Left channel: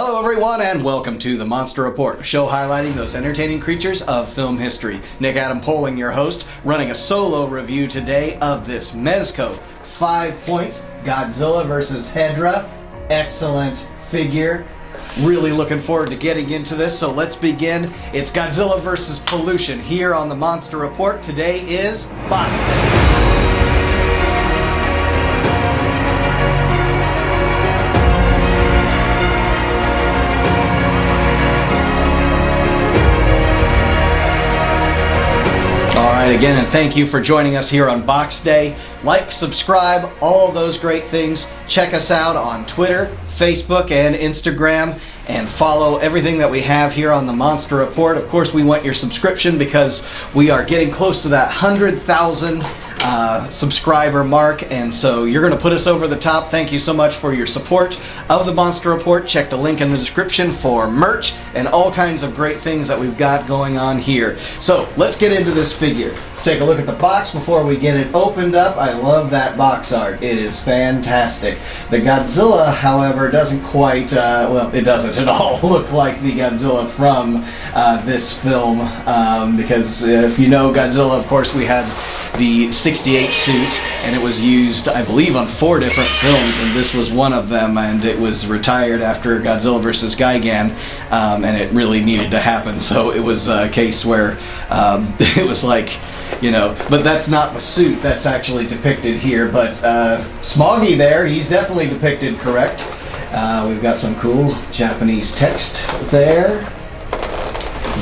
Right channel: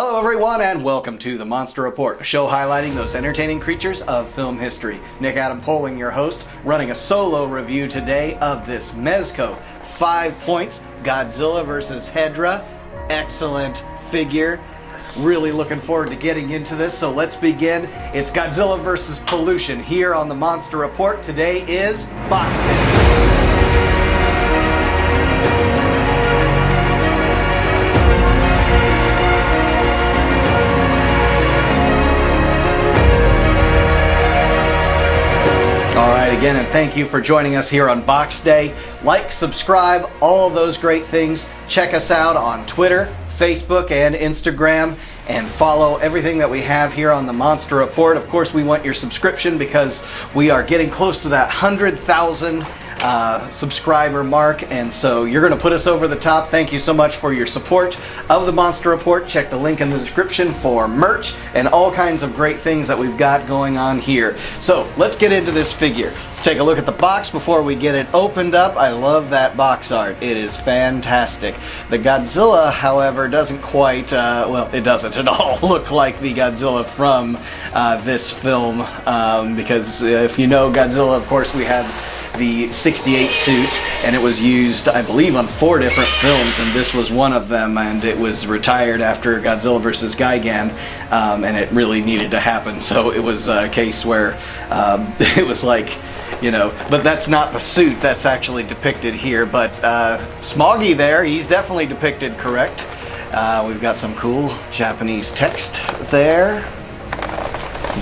Hello everyone and welcome to the Monster Report, a show highlighting those entertaining creatures of film history. Nick Adam Poling, your host, running a solo review today of this Mezco. 5 points, Godzilla vs. Hedorah. Excellent figure. Really looking forward to getting into this, so let's begin. It's Godzilla vs. Pollution here on the Monster Report. Today is Box Day. Thank you for joining us here on Box Day. Like, subscribe, all those great things. Check us out on Twitter, Facebook, and Instagram, and follow everything that we have here on the Monster Report. Of course, we want your subscription because we are getting close to that 100,000 subscriber mark, and so you're going to put us over the top. Thank you so much for your support of the Monster Report. Check the link in the description for merch and all kinds of great things that we've got going on here. So let's get into this figure. Let's take a look at the box before we get it opened up. I love that box art. It is fantastic. The Godzilla, however, doesn't quite, well, it doesn't at all look like the Godzilla from this film, because if you know Godzilla, of course, we had the 68 suit, and it was used, I believe, on 4 different films, and this was one of them, and it was retired after Godzilla vs. Gigan, and it really needed to happen, so it was a case where it was like, you know, but that's not the suit that's actually depicted here, but Smoggy there, he's definitely depicted correct. We've got some cool Japanese text there.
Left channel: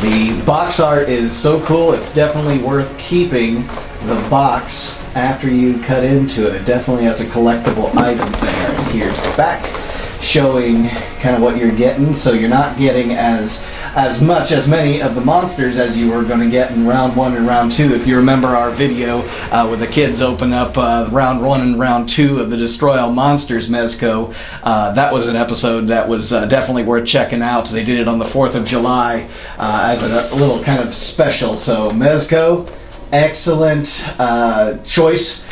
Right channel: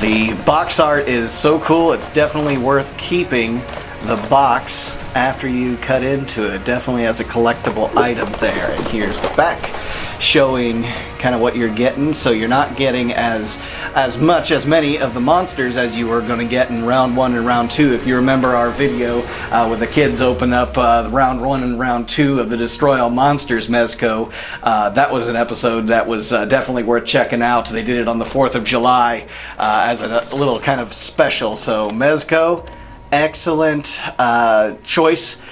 The box art is so cool, it's definitely worth keeping the box after you cut into it. Definitely as a collectible item there. And here's the back showing kind of what you're getting, so you're not getting as many of the monsters as you were going to get in round 1 and round 2. If you remember our video with the kids open up round 1 and round 2 of the Destroy All Monsters Mezco, that was an episode that was definitely worth checking out. They did it on the 4th of July as a little kind of special. So Mezco, excellent choice.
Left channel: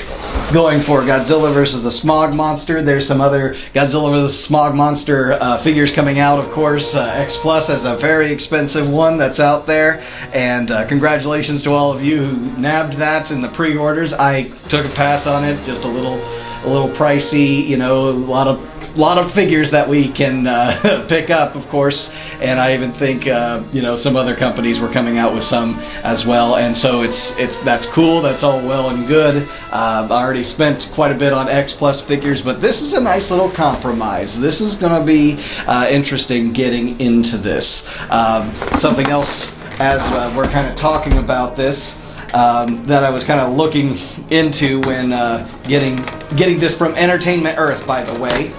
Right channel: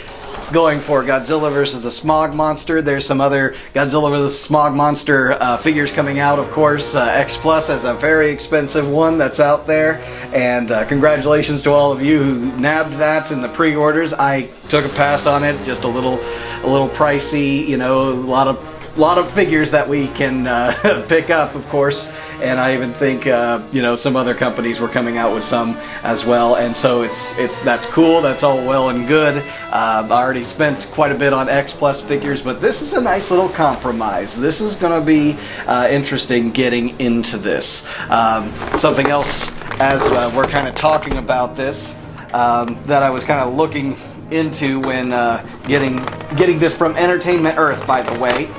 Going for Godzilla vs. the Smog Monster. There's some other Godzilla vs. Smog Monster figures coming out, of course. X Plus has a very expensive one that's out there, and congratulations to all of you who nabbed that in the pre-orders. I took a pass on it, just a little pricey, you know, a lot of figures that we can pick up, of course, and I even think you know, some other companies were coming out with some as well, and so that's cool. That's all well and good. I already spent quite a bit on X Plus figures, but this is a nice little compromise. This is going to be interesting getting into this. Something else, as we're kind of talking about this, that I was kind of looking into when getting this from Entertainment Earth, by the way.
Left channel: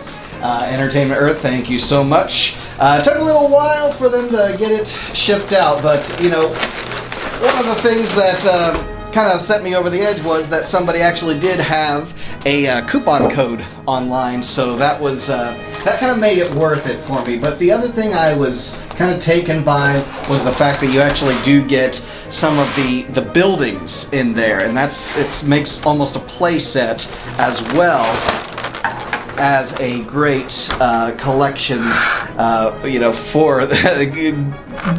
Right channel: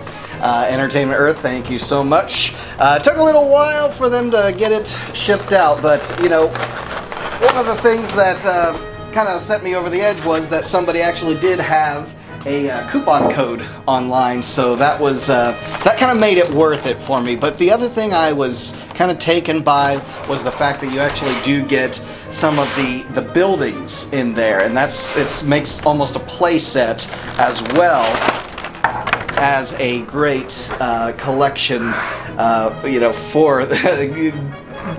Entertainment Earth, thank you so much. It took a little while for them to get it shipped out, but you know, one of the things that kind of sent me over the edge was that somebody actually did have a coupon code online, so that was that kind of made it worth it for me. But the other thing I was kind of taken by was the fact that you actually do get some of the buildings in there, and it makes almost a play set as well as a great collection, you know, for the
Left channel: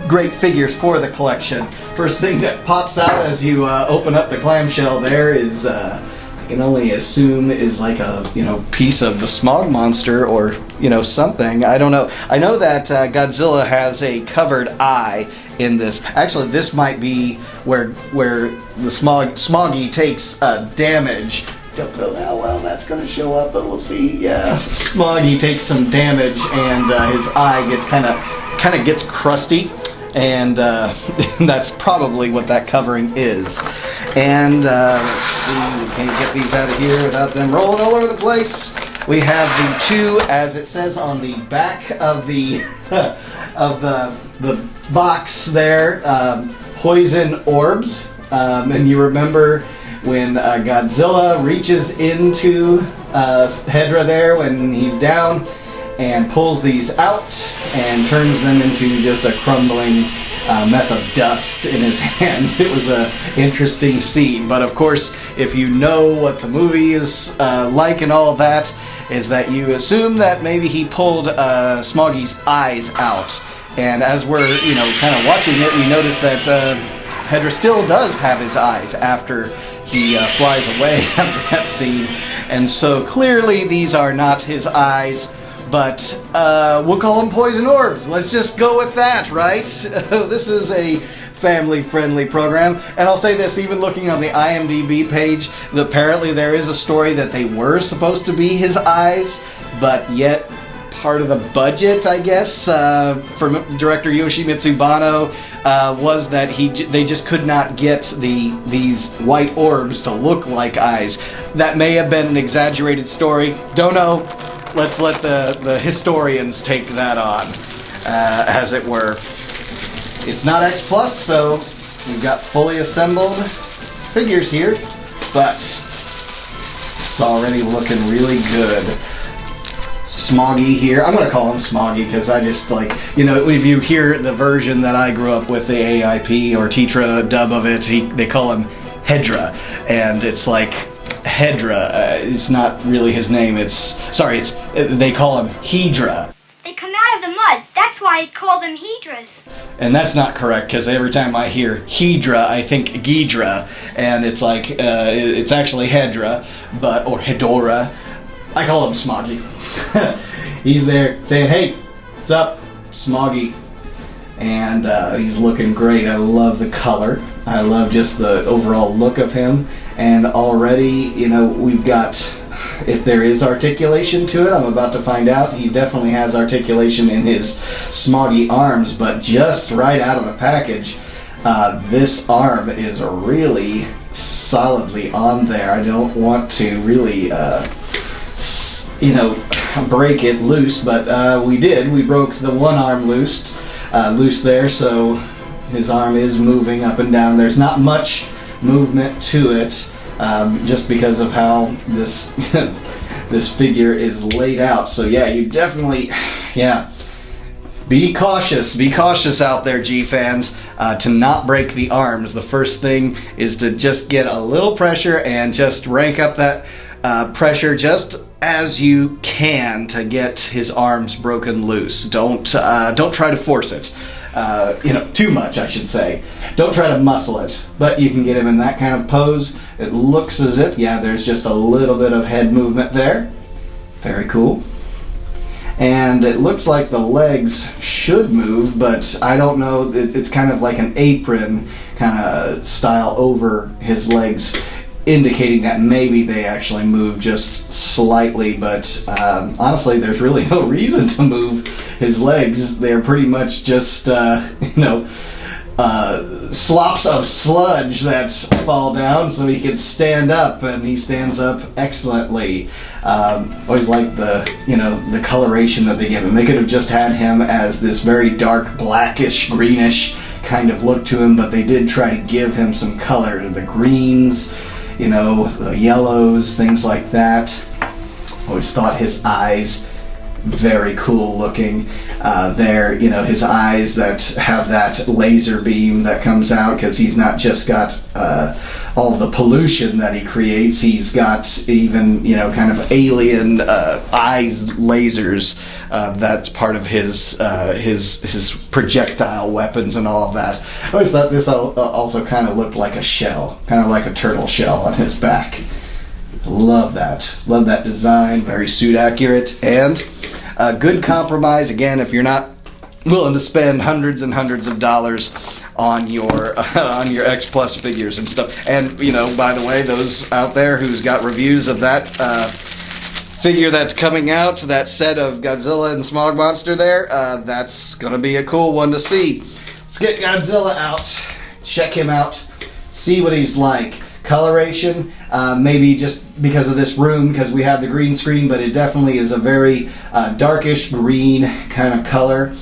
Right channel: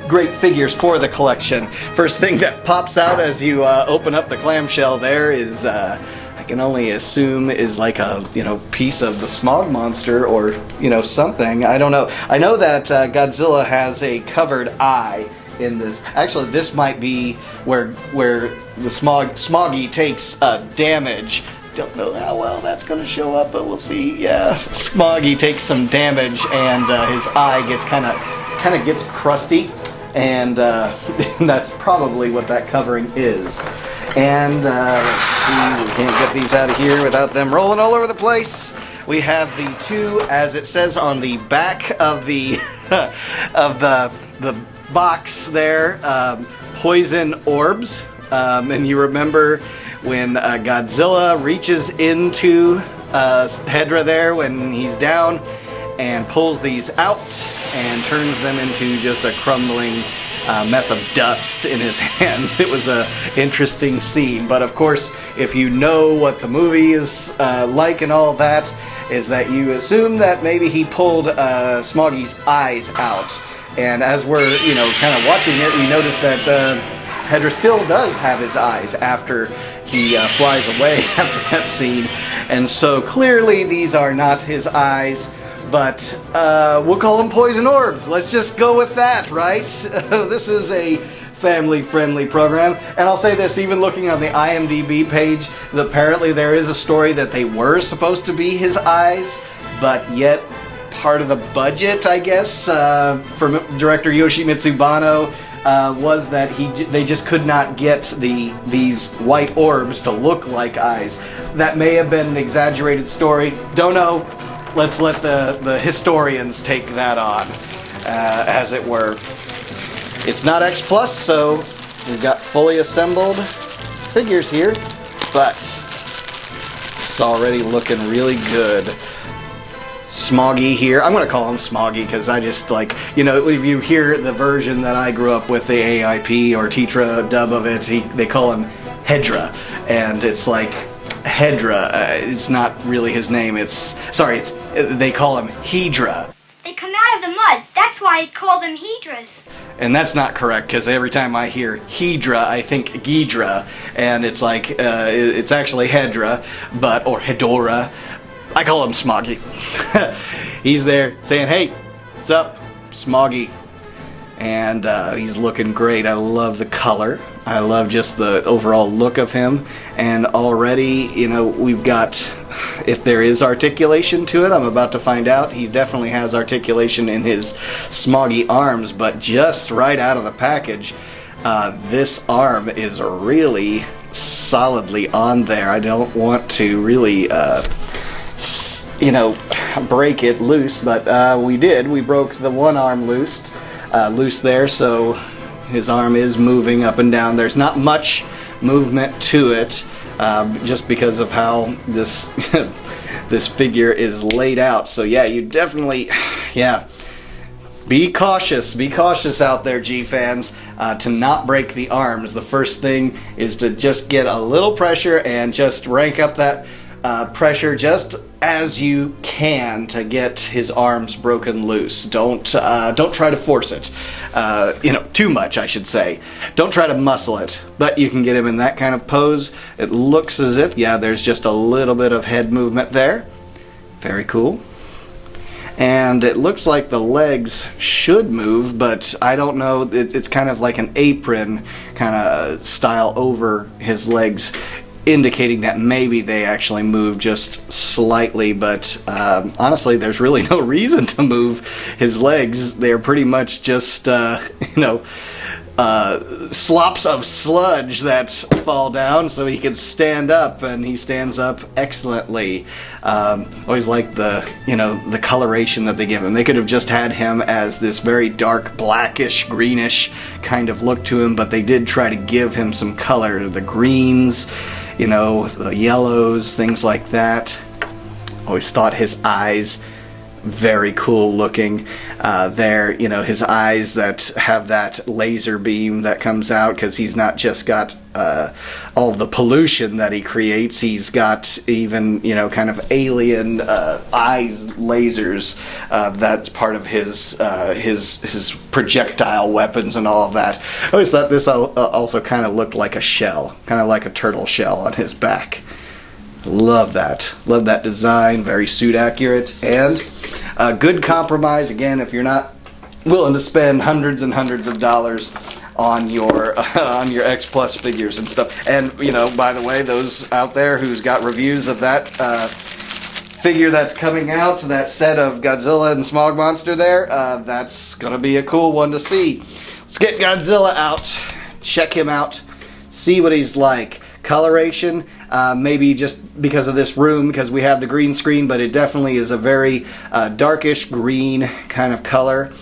great figures for the collection. First thing that pops out as you open up the clamshell there is, I can only assume, is like a, you know, piece of the Smog Monster, or, you know, something. I don't know. I know that Godzilla has a covered eye in this. Actually, this might be where the Smoggy takes damage. Don't know how well that's going to show up, but we'll see. Yeah, Smoggy takes some damage, and his eye gets kind of gets crusty, and that's probably what that covering is. And let's see, we can't get these out of here without them rolling all over the place. We have the 2, as it says on the back of the of the box there, poison orbs, and you remember when Godzilla reaches into Hedorah there when he's down and pulls these out and turns them into just a crumbling mess of dust in his hands. It was a interesting scene. But of course, if you know what the movie is like and all that, is that you assume that maybe he pulled Smoggy's eyes out. And as we're, kind of watching it, you notice that Hedra still does have his eyes after he flies away after that scene. And so clearly these are not his eyes, but we'll call them poison orbs. Let's just go with that, right? This is a family-friendly program. And I'll say this, even looking on the IMDb page, apparently there is a story that they were supposed to be his eyes, but yet part of the budget, I guess, from director Yoshimitsu Banno, was that they just could not get these white orbs to look like eyes. That may have been an exaggerated story. Don't know. Let's let the historians take that on, as it were. It's not X Plus, so we've got fully assembled figures here, but it's already looking really good. Smoggy here. I'm going to call him Smoggy because I just like, if you hear the version that I grew up with, the AIP or Tetra dub of it, they call him Hedra. And it's like, Hedra, it's not really his name. They call him Hedra. They come out of the mud. That's why I call them Hedras. And that's not correct, because every time I hear Hedra, I think Ghidra. And it's like, it's actually Hedra, or Hedora. I call him Smoggy. He's there saying, hey, what's up, Smoggy? And he's looking great. I love the color. I love just the overall look of him. And already, we've got, if there is articulation to it, I'm about to find out. He definitely has articulation in his Smoggy arms, but just right out of the package, this arm is really solidly on there. I don't want to really break it loose, but we did. We broke the one arm loose there, so his arm is moving up and down. There's not much movement to it, just because of how this this figure is laid out. So yeah, you definitely, be cautious out there, G-fans, to not break the arms. The first thing is to just get a little pressure and just rank up that pressure just as you can to get his arms broken loose. Don't try to force it. Too much, I should say. Don't try to muscle it, but you can get him in that kind of pose. It looks as if, there's just a little bit of head movement there. Very cool. And it looks like the legs should move, but I don't know. It's kind of like an apron kind of style over his legs, indicating that maybe they actually move just slightly, but honestly, there's really no reason to move his legs. They're pretty much just, slops of sludge that fall down so he can stand up, and he stands up excellently. Always like the coloration that they give him. They could have just had him as this very dark blackish, greenish kind of look to him, but they did try to give him some color. The greens, the yellows, things like that. Always thought his eyes very cool looking. His eyes that have that laser beam that comes out, because he's not just got all the pollution that he creates, he's got even, kind of alien eyes lasers. That's part of his projectile weapons and all of that. I always thought this also kind of looked like a shell, kind of like a turtle shell on his back. Love that. Love that design. Very suit accurate, and a good compromise. Again, if you're not willing to spend hundreds and hundreds of dollars on your X Plus figures and stuff. And by the way, those out there who's got reviews of that figure that's coming out, that set of Godzilla and Smog Monster there, that's gonna be a cool one to see. Let's get Godzilla out, check him out, see what he's like. Coloration, maybe just because of this room, because we have the green screen, but it definitely is a very darkish green kind of color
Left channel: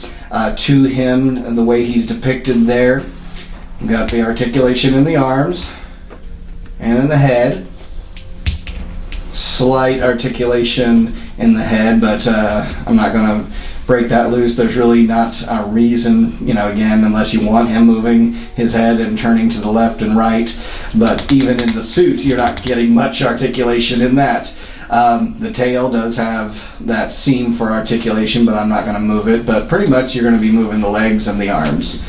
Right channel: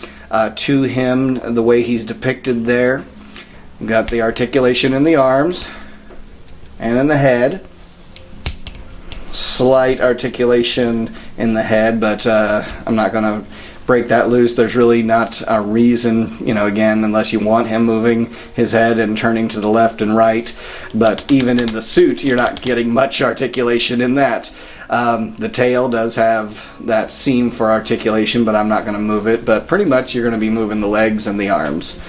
to him, the way he's depicted there. We've got the articulation in the arms and in the head. Slight articulation in the head, but I'm not going to break that loose. There's really not a reason, again, unless you want him moving his head and turning to the left and right. But even in the suit, you're not getting much articulation in that. The tail does have that seam for articulation, but I'm not going to move it. But pretty much you're going to be moving the legs and the arms.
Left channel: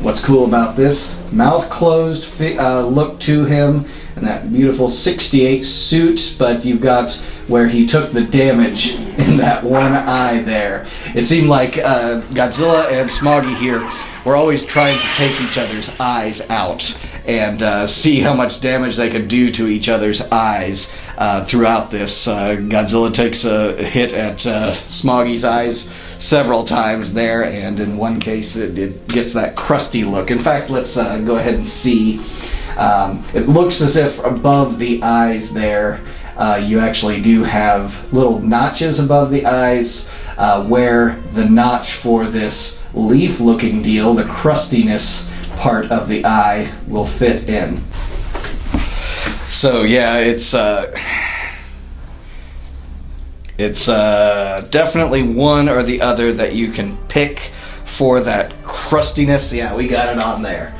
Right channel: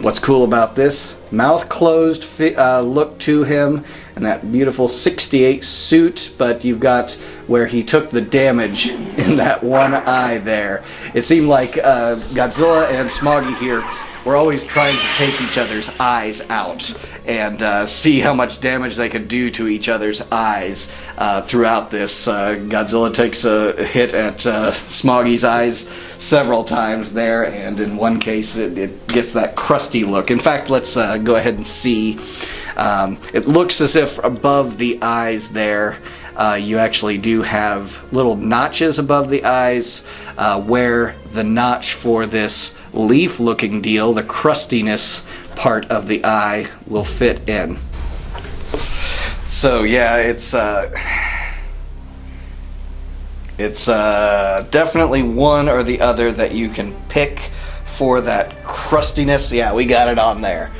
What's cool about this, mouth closed look to him, and that beautiful 68 suit, but you've got where he took the damage in that one eye there. It seemed like Godzilla and Smoggy here were always trying to take each other's eyes out and see how much damage they could do to each other's eyes throughout this. Godzilla takes a hit at Smoggy's eyes several times there, and in one case it gets that crusty look. In fact, let's go ahead and see. It looks as if above the eyes there, you actually do have little notches above the eyes where the notch for this leaf-looking deal, the crustiness part of the eye, will fit in. So yeah, it's definitely one or the other that you can pick for that crustiness. Yeah, we got it on there.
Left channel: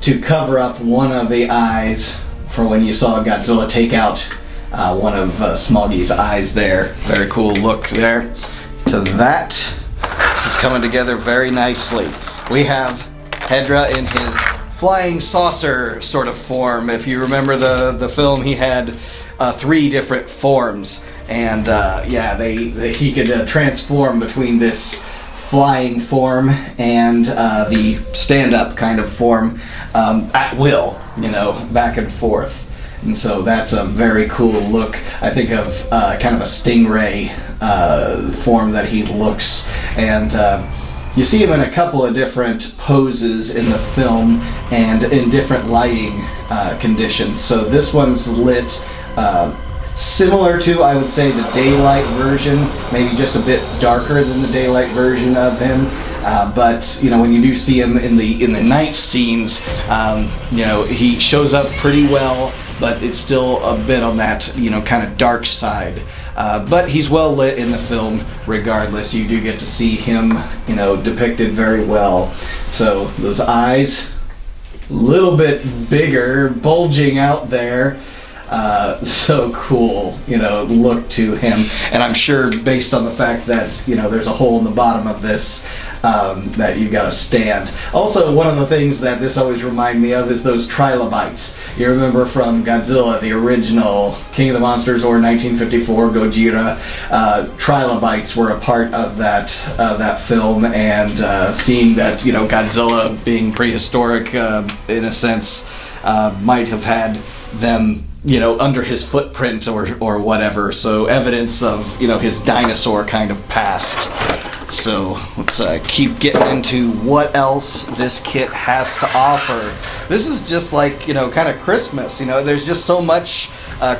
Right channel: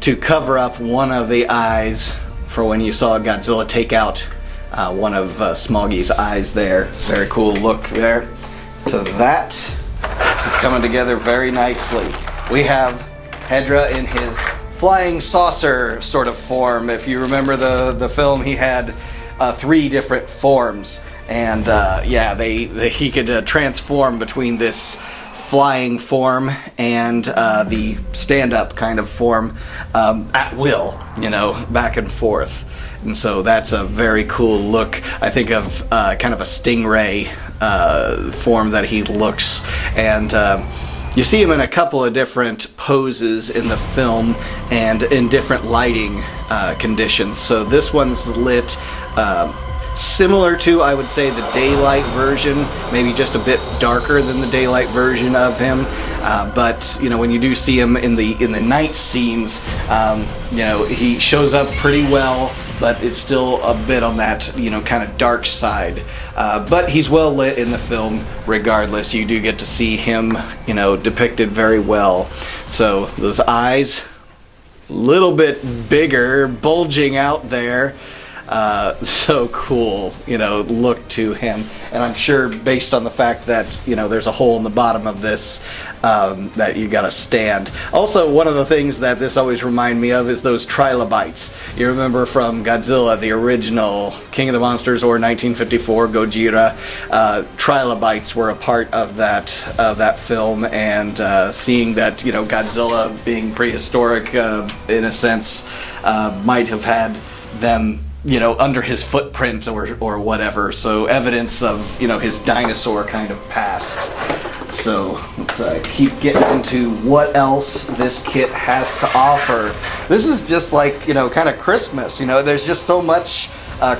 To cover up one of the eyes for when you saw Godzilla take out one of Smoggy's eyes there. Very cool look there to that. This is coming together very nicely. We have Hedra in his flying saucer sort of form. If you remember the film, he had 3 different forms. And he could transform between this flying form and the stand-up kind of form at will, back and forth. And so that's a very cool look. I think of kind of a stingray form that he looks. And you see him in a couple of different poses in the film and in different lighting conditions. So this one's lit similar to, I would say, the daylight version, maybe just a bit darker than the daylight version of him. But when you do see him in the night scenes, he shows up pretty well, but it's still a bit on that kind of dark side. But he's well lit in the film regardless. You do get to see him depicted very well. So those eyes, a little bit bigger, bulging out there. So cool, look to him. And I'm sure based on the fact that, there's a hole in the bottom of this, that you've got to stand. Also, one of the things that this always reminds me of is those trilobites. You remember from Godzilla, the original King of the Monsters, or 1954 Gojira, trilobites were a part of that film, and seeing that, Godzilla being prehistoric, in a sense, might have had them under his footprint or whatever, so evidence of his dinosaur kind of past. So let's keep getting into what else this kit has to offer. This is just like kind of Christmas. There's just so much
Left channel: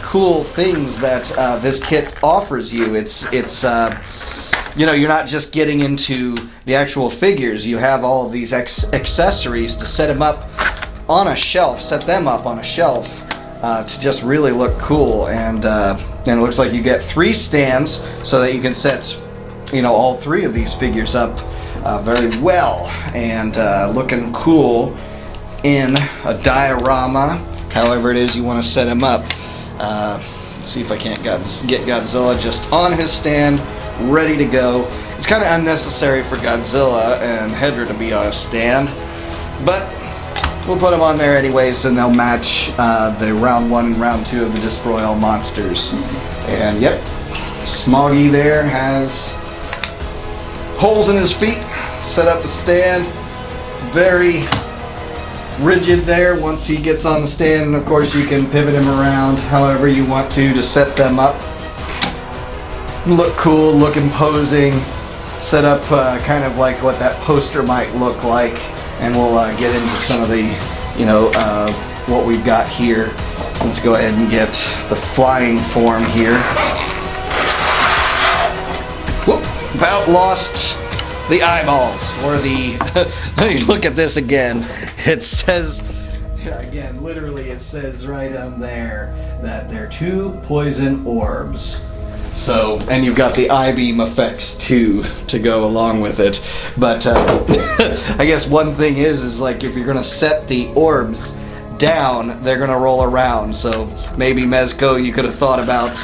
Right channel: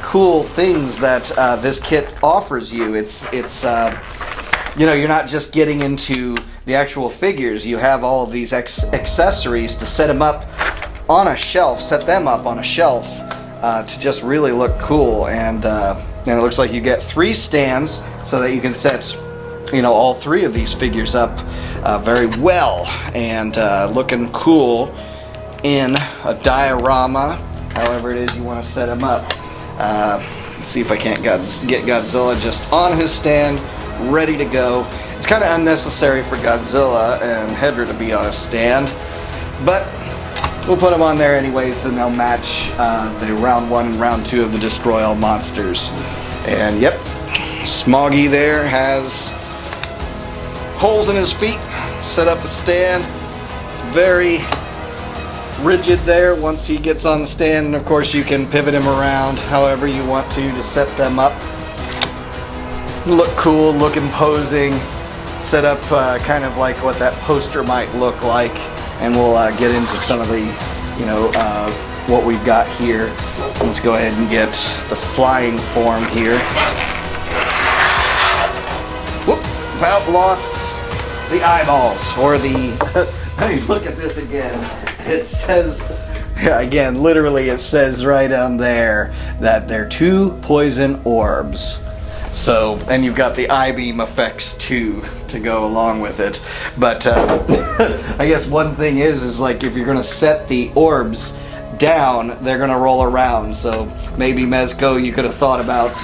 cool things that this kit offers you. It's you're not just getting into the actual figures. You have all these accessories to set them up on a shelf. To just really look cool, and it looks like you get 3 stands so that you can set all 3 of these figures up very well, and looking cool in a diorama, however it is you want to set him up. Let's see if I can't get Godzilla just on his stand, ready to go. It's kind of unnecessary for Godzilla and Hedra to be on a stand, but we'll put them on there anyways, and they'll match the round 1 and round 2 of the Destroy All Monsters. And yep, Smoggy there has holes in his feet, set up a stand, very rigid there once he gets on the stand. And of course you can pivot him around however you want to set them up. Look cool, look imposing, set up kind of like what that poster might look like. And we'll get into some of the, what we've got here. Let's go ahead and get the flying form here. Whoop, about lost the eyeballs, or the, let me look at this again. It says, again, literally it says right on there that they're 2 poison orbs. So, and you've got the I-beam effects too to go along with it. But I guess one thing is like if you're gonna set the orbs down, they're gonna roll around. So maybe Mezco, you could have thought about,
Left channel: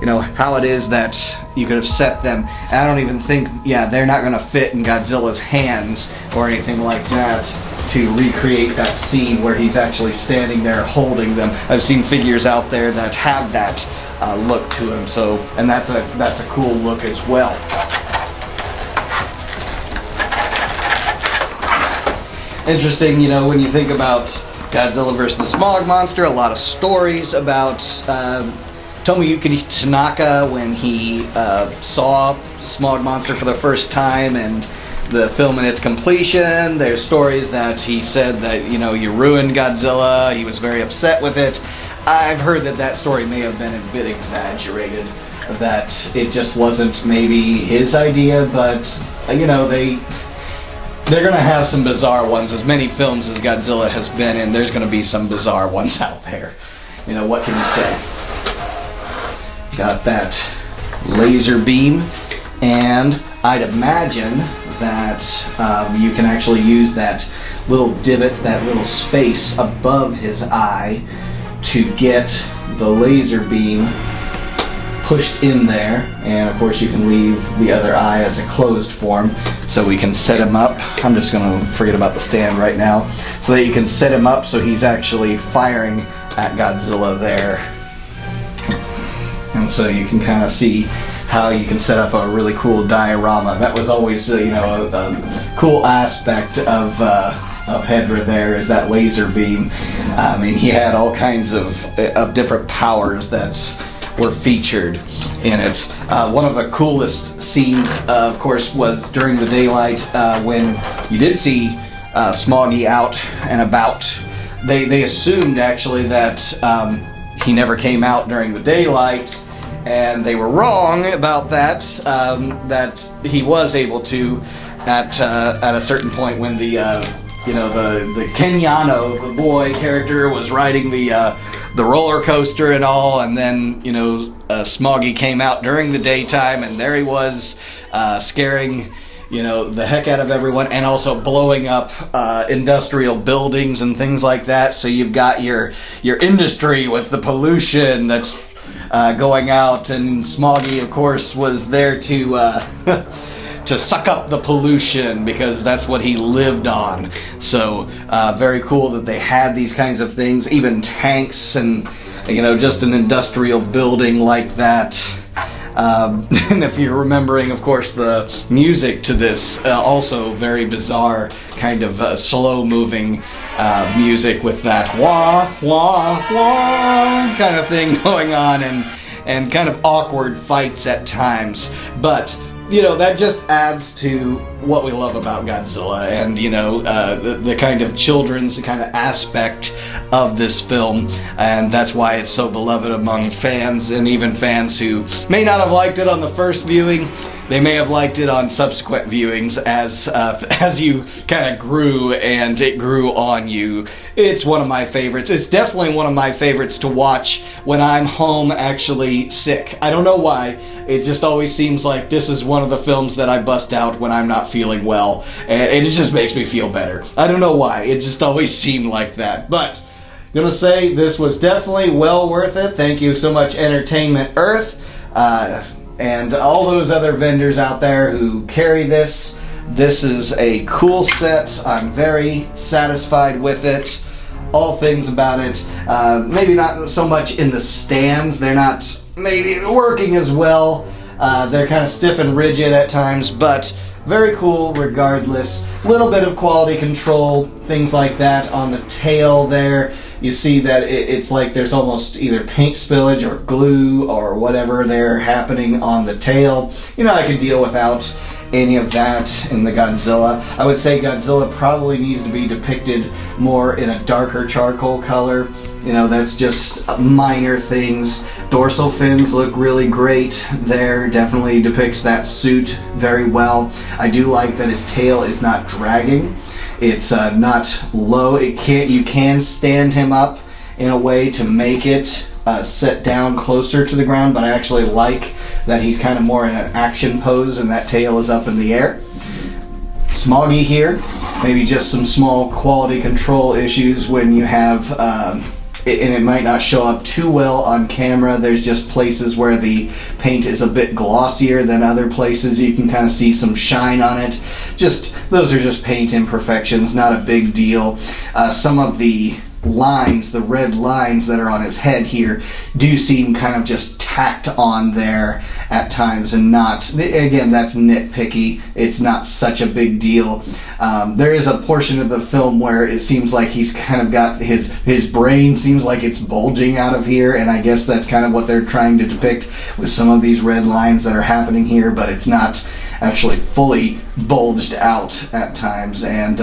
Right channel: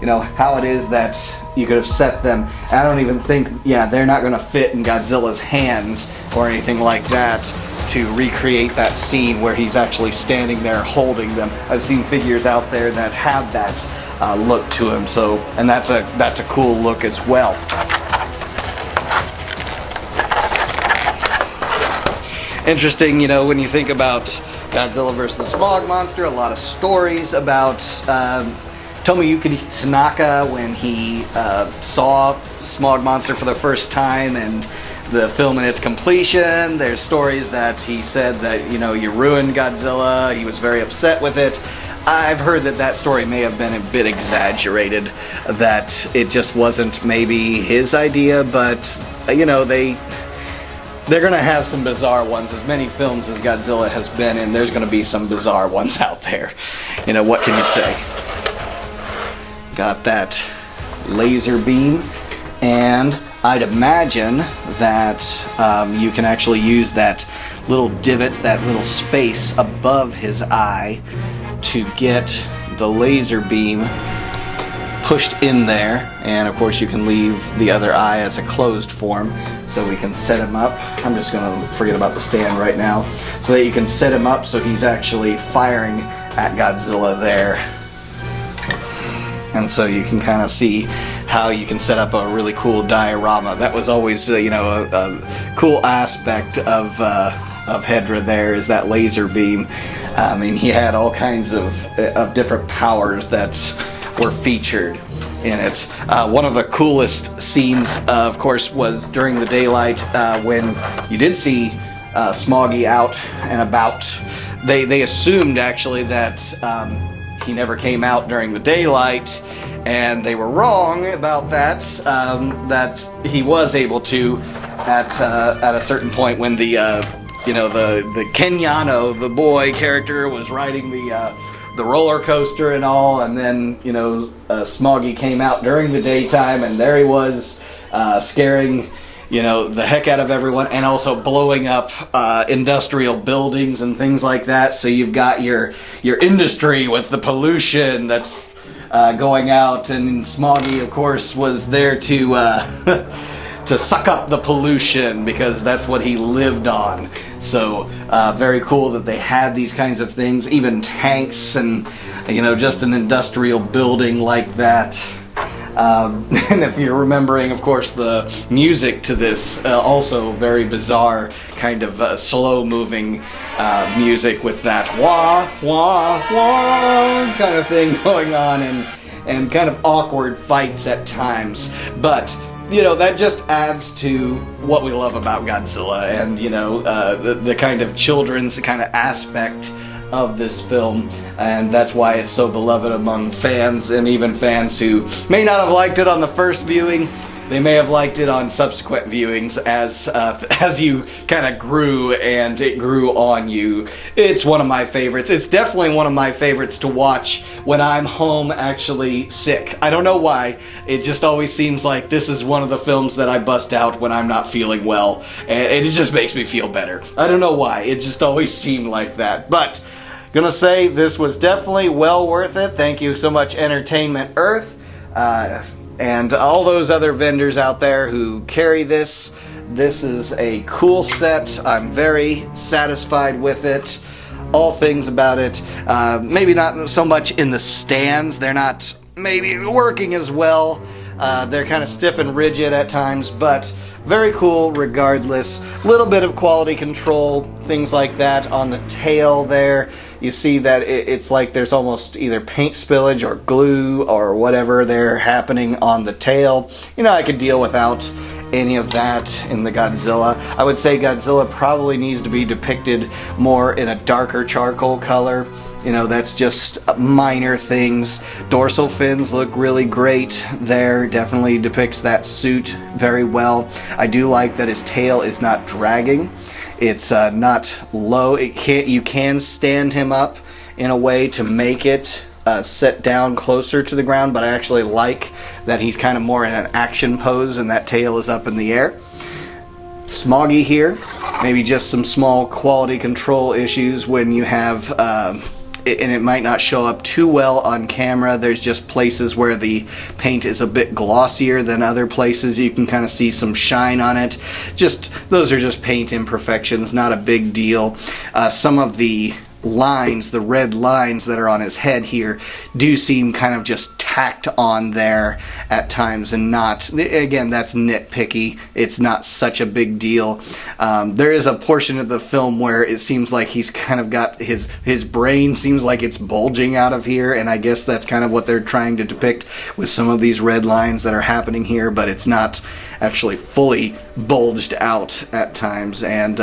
you know, how it is that you could have set them. I don't even think, yeah, they're not gonna fit in Godzilla's hands or anything like that to recreate that scene where he's actually standing there holding them. I've seen figures out there that have that look to him, so, and that's a cool look as well. Interesting, you know, when you think about Godzilla vs. the Smog Monster, a lot of stories about Tomoyuki Tanaka when he saw Smog Monster for the first time and the film and its completion. There's stories that he said that, you know, you ruined Godzilla, he was very upset with it. I've heard that that story may have been a bit exaggerated, that it just wasn't maybe his idea, but, you know, they're gonna have some bizarre ones. As many films as Godzilla has been in, there's gonna be some bizarre ones out there. You know, what can you say? Got that laser beam, and I'd imagine that you can actually use that little divot, that little space above his eye to get the laser beam pushed in there, and of course you can leave the other eye as a closed form so we can set him up. I'm just going to forget about the stand right now, so that you can set him up so he's actually firing at Godzilla there. And so you can kind of see how you can set up a really cool diorama. That was always, you know, a cool aspect of Hedra there, is that laser beam. I mean, he had all kinds of different powers that were featured in it. One of the coolest scenes, of course, was during the daylight when you did see Smoggy out and about. They assumed actually that he never came out during the daylight, and they were wrong about that. That he was able to at a certain point when the you know, the Kenyano, the boy character, was riding the roller coaster and all, and then, you know, Smoggy came out during the daytime, and there he was, scaring, you know, the heck out of everyone, and also blowing up industrial buildings and things like that. So you've got your industry with the pollution that's going out, and Smoggy, of course, was there to to suck up the pollution, because that's what he lived on. So very cool that they had these kinds of things, even tanks and, you know, just an industrial building like that. And if you're remembering, of course, the music to this, also very bizarre, kind of slow-moving music with that wah, wah, wah kind of thing going on, and kind of awkward fights at times. But, you know, that just adds to what we love about Godzilla, and, you know, the kind of children's kind of aspect of this film, and that's why it's so beloved among fans, and even fans who may not have liked it on the first viewing. They may have liked it on subsequent viewings as you kind of grew and it grew on you. It's one of my favorites. It's definitely one of my favorites to watch when I'm home actually sick. I don't know why. It just always seems like this is one of the films that I bust out when I'm not feeling well. And it just makes me feel better. I don't know why. It just always seemed like that. But gonna say this was definitely well worth it. Thank you so much, Entertainment Earth. And all those other vendors out there who carry this. This is a cool set. I'm very satisfied with it. All things about it. Maybe not so much in the stands. They're not maybe working as well. They're kind of stiff and rigid at times, but very cool regardless. Little bit of quality control, things like that on the tail there. You see that it's like there's almost either paint spillage or glue or whatever there happening on the tail. You know, I could deal without any of that in the Godzilla. I would say Godzilla probably needs to be depicted more in a darker charcoal color. You know, that's just minor things. Dorsal fins look really great there. Definitely depicts that suit very well. I do like that his tail is not dragging. It's not low. You can stand him up in a way to make it set down closer to the ground, but I actually like that he's kind of more in an action pose and that tail is up in the air. Smoggy here, maybe just some small quality control issues when you have, and it might not show up too well on camera. There's just places where the paint is a bit glossier than other places. You can kind of see some shine on it. Those are just paint imperfections, not a big deal. Some of the lines, the red lines that are on his head here, do seem kind of just tacked on there at times, and not, again, that's nitpicky. It's not such a big deal. There is a portion of the film where it seems like he's kind of got his brain seems like it's bulging out of here, and I guess that's kind of what they're trying to depict with some of these red lines that are happening here, but it's not actually fully bulged out at times. And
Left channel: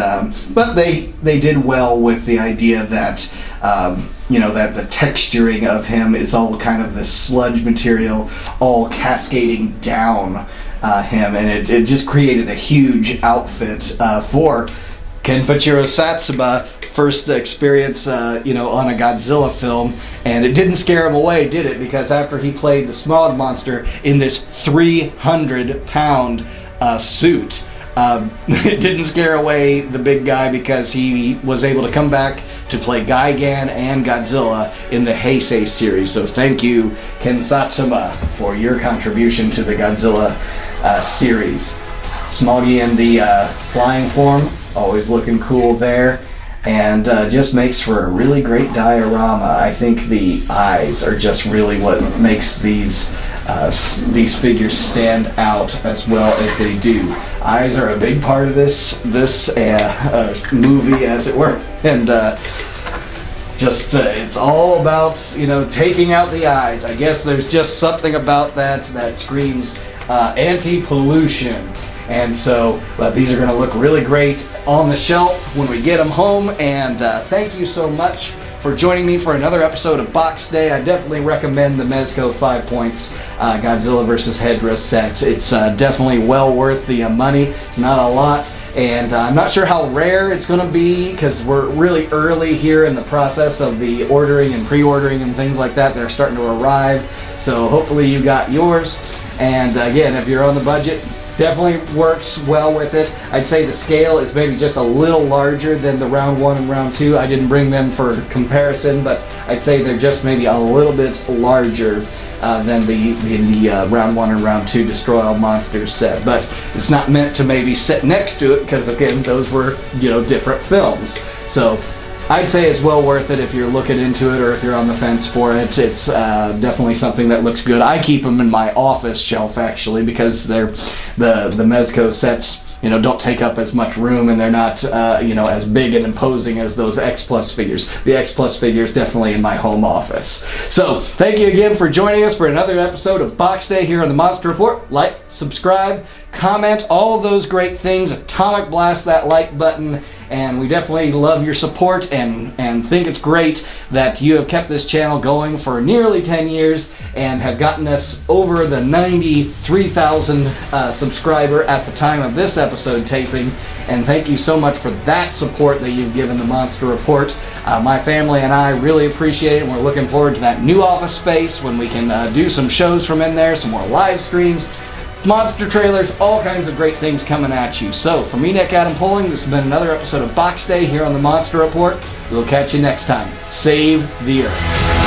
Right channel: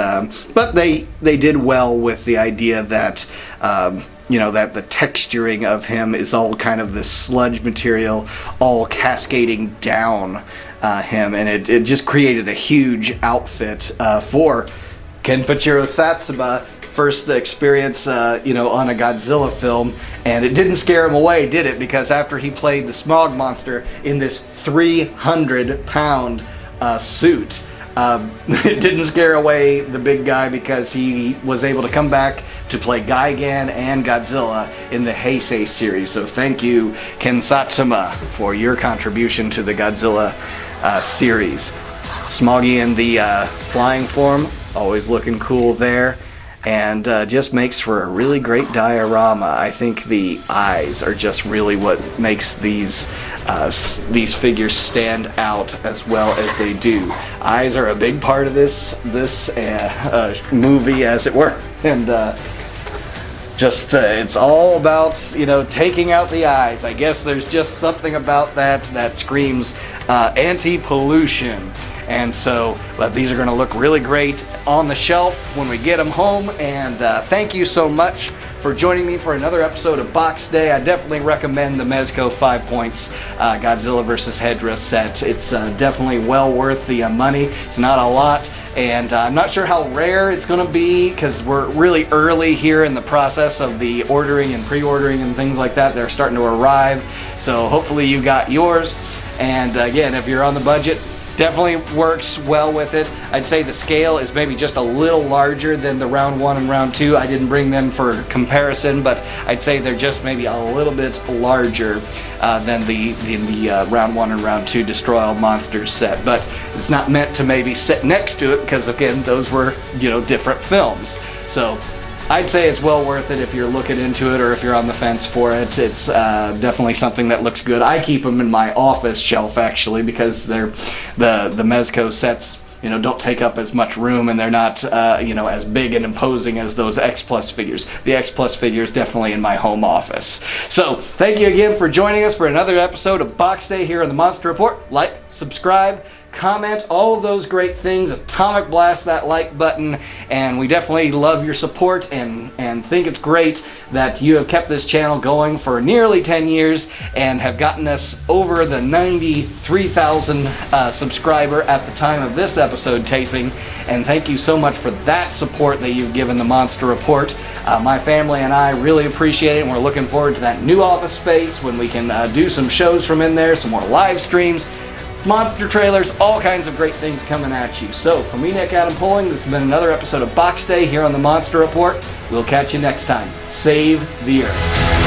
but they did well with the idea that that the texturing of him is all kind of this sludge material all cascading down him, and it just created a huge outfit for Kenpachiro Satsuma. First experience, on a Godzilla film, and it didn't scare him away, did it? Because after he played the Smog Monster in this 300-pound suit, it didn't scare away the big guy, because he was able to come back to play Gigan and Godzilla in the Heisei series. So thank you, Ken Satsuma, for your contribution to the Godzilla series. Smoggy in the flying form, always looking cool there. And just makes for a really great diorama. I think the eyes are just really what makes these figures stand out as well as they do. Eyes are a big part of this movie, as it were, and it's all about taking out the eyes. I guess there's just something about that screams anti-pollution. And so, but these are going to look really great on the shelf when we get them home. And thank you so much for joining me for another episode of Box Day. I definitely recommend the Mezco 5 Points Godzilla vs. Hedorah set. It's definitely well worth the money. It's not a lot, and I'm not sure how rare it's going to be, because we're really early here in the process of the ordering and pre-ordering and things like that. They're starting to arrive, so hopefully you got yours. And again, if you're on the budget, definitely works well with it. I'd say the scale is maybe just a little larger than the round 1 and round 2. I didn't bring them for comparison, but I'd say they're just maybe a little bit larger than the round 1 and round 2 Destroy All Monsters set. But it's not meant to maybe sit next to it, because again, those were different films. So I'd say it's well worth it if you're looking into it, or if you're on the fence for it. It's definitely something that looks good. I keep them in my office shelf, actually, because they're the Mezco sets don't take up as much room, and they're not as big and imposing as those X Plus figures. The X Plus figure is definitely in my home office. So thank you again for joining us for another episode of Box Day here on the Monster Report. Like, subscribe, comment, all of those great things. Atomic blast that like button, and we definitely love your support and think it's great that you have kept this channel going for nearly 10 years and have gotten us over the 93,000 subscriber at the time of this episode taping. And thank you so much for that support that you've given the Monster Report. My family and I really appreciate it, and we're looking forward to that new office space when we can do some shows from in there, some more live streams, monster trailers, all kinds of great things coming at you. So, for me, Nick Adam Poling, this has been another episode of Box Day here on the Monster Report. We'll catch you next time. Save the Earth.